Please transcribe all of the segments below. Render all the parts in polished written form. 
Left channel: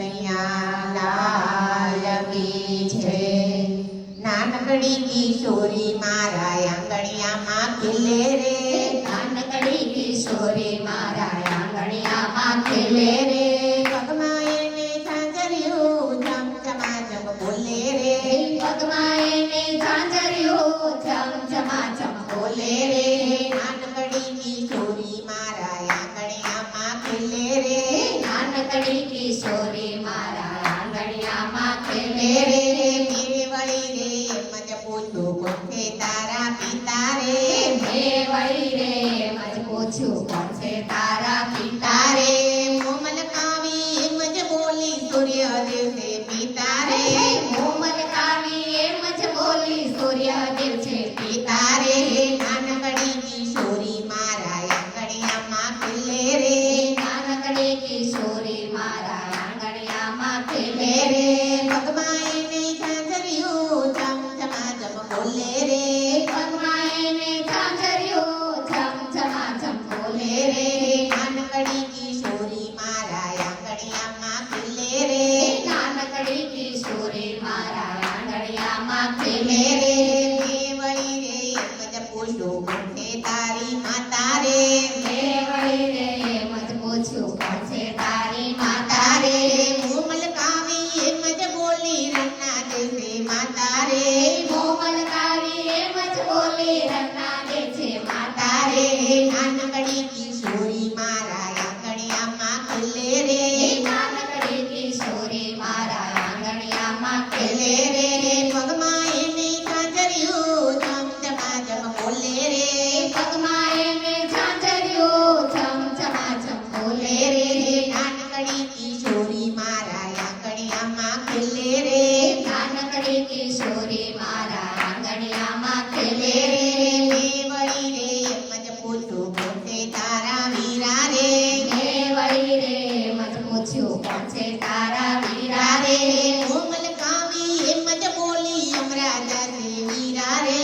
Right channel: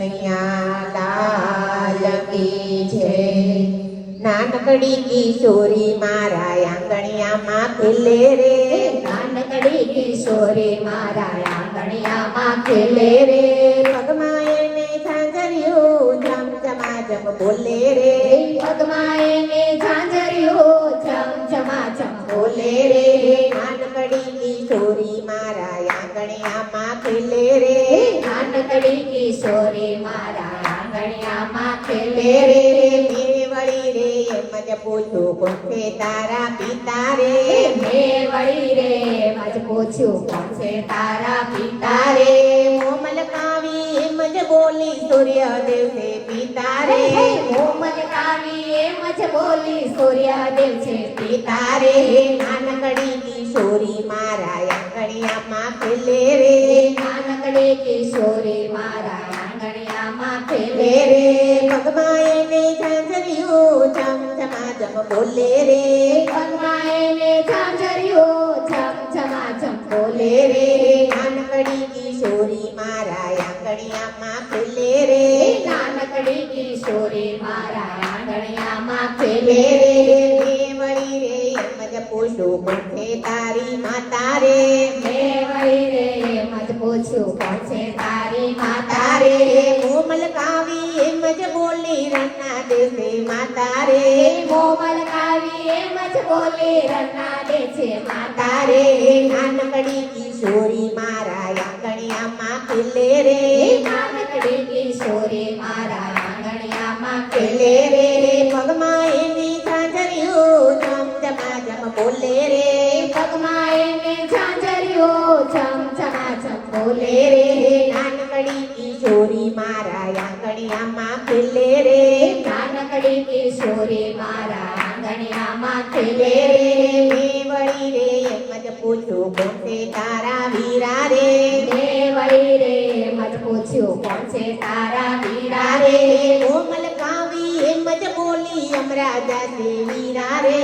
કનૈયા લાલ કી જય। નાનકડી કિશોરી મારા આંગણિયામાં ખેલે રે, નાનકડી કિશોરી મારા આંગણિયામાં ખેલે રે। પગમાં એને ઝાંઝરિયું ઝમઝમાઝમ બોલે રે, પગમાં એને ઝાંઝરિયું ઝમઝમાઝમ બોલે રે। નાનકડી કિશોરી મારા આંગણિયામાં ખેલે રે, નાનકડી કિશોરી મારા આંગણિયામાં ખેલે ખેલે રે। રે મેં વળી રે એમ જ પૂછું કોણ છે તારા પિતા રે, મેં વળી રે મજ પૂછ્યું કોણ છે તારા પિતા તારે રે। કોમલ કાવી એમ જ બોલી સૂર્યદેવ છે પિતા રે, કોમલ કાવી એમ જ બોલી સૂર્યદેવ છે પિતા તારે રે। નાનકડી કિશોરી મારા આંગણિયામાં ખેલે રે, નાનકડી કિશોરી મારા આંગણિયામાં ખેલે ખેલે રે। રે પગમાં એને ઝાંઝરિયું ઝમઝમાઝમ બોલે રે, પગમાં એને ઝાંઝરિયું ઝમઝમાઝમ બોલે ખેલે રે। રે નાનકડી કિશોરી મારા આંગણિયામાં ખેલે રે, નાનકડી કિશોરી મારા આંગણિયામાં ખેલે ખેલે રે રે। મેં વળી રે એમ જ પૂછું કોણ છે તારી માતા રે, મેં વળી રે મત પૂછ્યું કોણ છે તારી માતા તારે રે। કોમલ કાવી એમ જ બોલી રન્ના દેશે માતા રે, કોમલ કાવી એમ જ બોલી રન્ના દે છે માતા તારે રે। નાનકડી કિશોરી મારા આંગણિયામાં ખેલે રે, નાનકડી કિશોરી મારા આંગણિયામાં ખેલે ખેલે રે રે। પગમાં એની ઝાંઝરિયું ઝમઝમાઝમ બોલે રે, પગમાં એને ઝાંઝરિયું ઝમઝમાઝમ બોલે ખેલે રે। રે નાનકડી કિશોરી મારા આંગણિયામાં ખેલે રે, નાનકડી કિશોરી મારા આંગણિયામાં ખેલે ખેલે રે। રે મેં વળી રે એમ જ પૂછું કોણ છે તારા વીરા રે, મેં વળી રે મત પૂછ્યું કોણ છે તારા વીરા તારે રે। કોમલ કાવી એમ જ બોલી અમરાજા છે વીરા રે,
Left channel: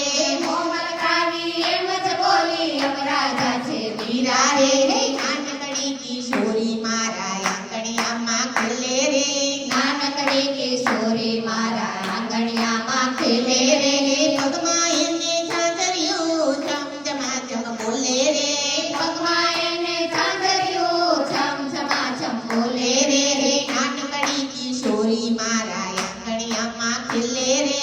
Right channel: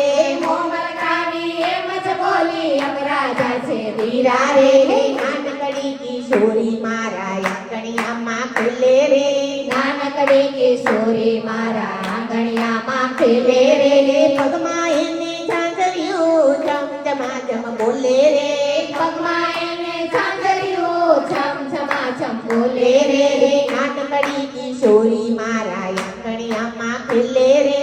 કોમલ કાવી એમ જ બોલી અમરાજા છે વીરા વીરા રે રે। નાનકડી કિશોરી મારા આંગણિયામાં ખેલે રે, નાનકડી કિશોરી મારા આંગણિયામાં ખેલે ખેલે રે। રે પગમાં એને ઝાંઝરિયું ઝમઝમાઝમ બોલે રે, પગમાં એને ઝાંઝરિયું ઝમઝમાઝમ બોલે ખેલે રે। રે નાનકડી કિશોરી મારા આંગણિયામાં ખેલે રે,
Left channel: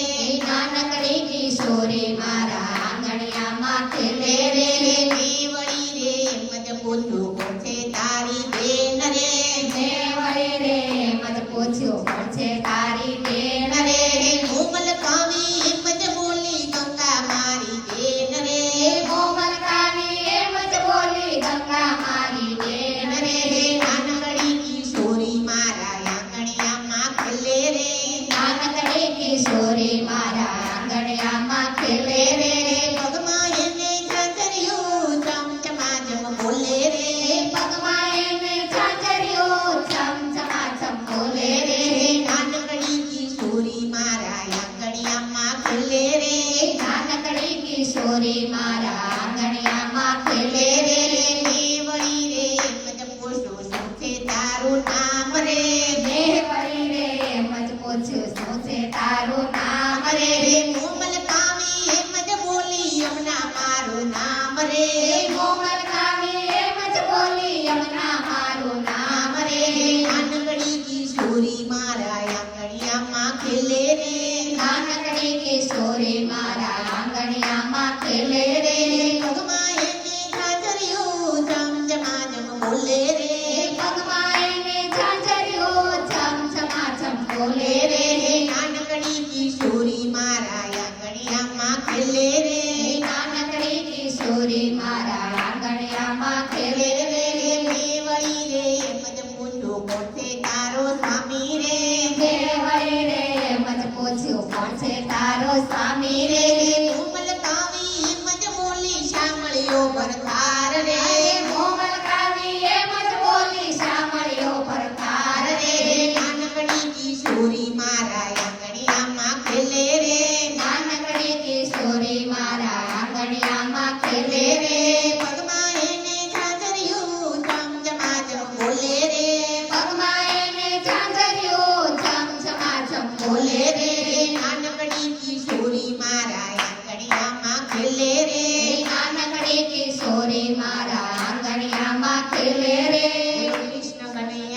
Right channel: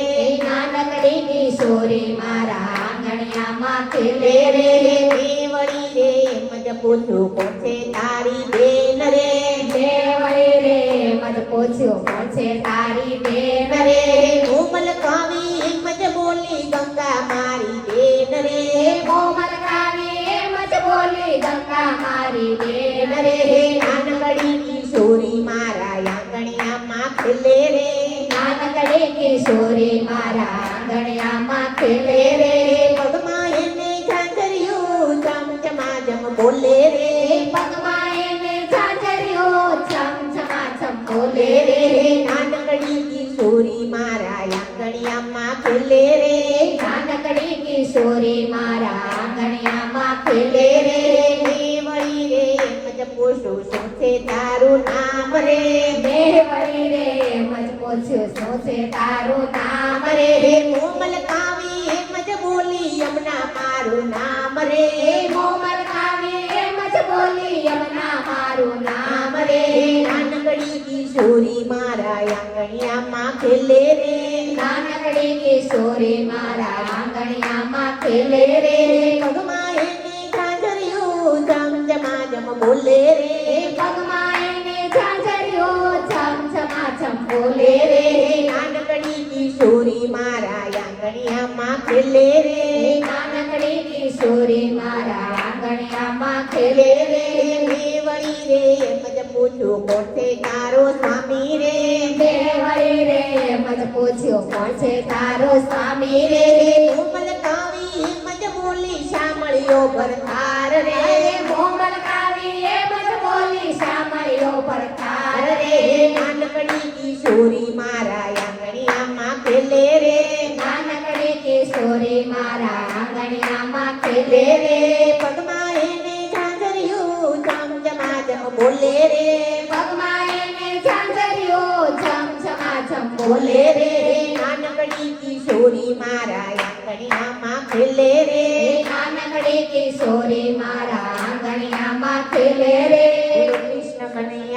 નાનકડી કિશોરી મારા આંગણિયામાં ખેલે ખેલે રે। રે મેં વળી રે એમ જ પૂછું કોણ છે તારી બેન રે, મેં વળી રે મત પૂછ્યું કોણ છે તારી બેન રે રે। રે કોમલ કાવી એમ જ બોલી ગંગા મારી બેન રે, કોમલ કાવી એમ જ બોલી ગંગા મારી બેન રે રે। રે નાનકડી કિશોરી મારા આંગણિયામાં ખેલે રે, નાનકડી કિશોરી મારા આંગણિયામાં ખેલે રે। પગમાં એને ઝાંઝરિયું ઝમઝમાઝમ બોલે રે, પગમાં એને ઝાંઝરિયું ઝમઝમાઝમ બોલે રે રે। રે નાનકડી કિશોરી મારા આંગણિયામાં ખેલે રે, નાનકડી કિશોરી મારા આંગણિયામાં ખેલે ખેલે રે રે। મેં વળી રે એમ જ પૂછું શું છે તારું નામ રે, મેં વળી રે મત પૂછ્યું શું છે તારું નામ રે રે। રે કોમલ કાવી એમ જ બોલી યમુના મારું નામ રે, કોમલ કાવી એમ જ બોલી યમુના મારું નામ નામ રે। રે નાનકડી કિશોરી મારા આંગણિયામાં ખેલે રે, નાનકડી કિશોરી મારા આંગણિયામાં ખેલે રે। પગમાં એને ઝાંઝરિયું ઝમઝમાઝમ બોલે રે, પગમાં એને ઝાંઝરિયું ઝમઝમાઝમ બોલે રે રે। રે નાનકડી કિશોરી મારા આંગણિયામાં ખેલે રે, નાનકડી કિશોરી મારા આંગણિયામાં ખેલે ખેલે રે રે। મેં વળી રે એમ જ પૂછું કોણ છે તારો સ્વામી રે, મેં વળી રે મત પૂછ્યું કોણ છે તારો સ્વામી રે રે। રે કોમલ કાવી એમ જ બોલી શામળિયો ભરથાર રે, કોમલ કાવી એમ જ બોલી શામળિયો પરકાર રે રે। રે નાનકડી કિશોરી મારા આંગણિયામાં ખેલે રે, નાનકડી કિશોરી મારા આંગણિયામાં ખેલે ખેલે રે। રે પગમાં એને ઝાંઝરિયું ઝમઝમાઝમ બોલે રે, પગમાં એને ઝાંઝરિયું ખેલે રે નાનકડી કિશોરી મારા આંગણિયામાં ખેલે રે કૃષ્ણ મને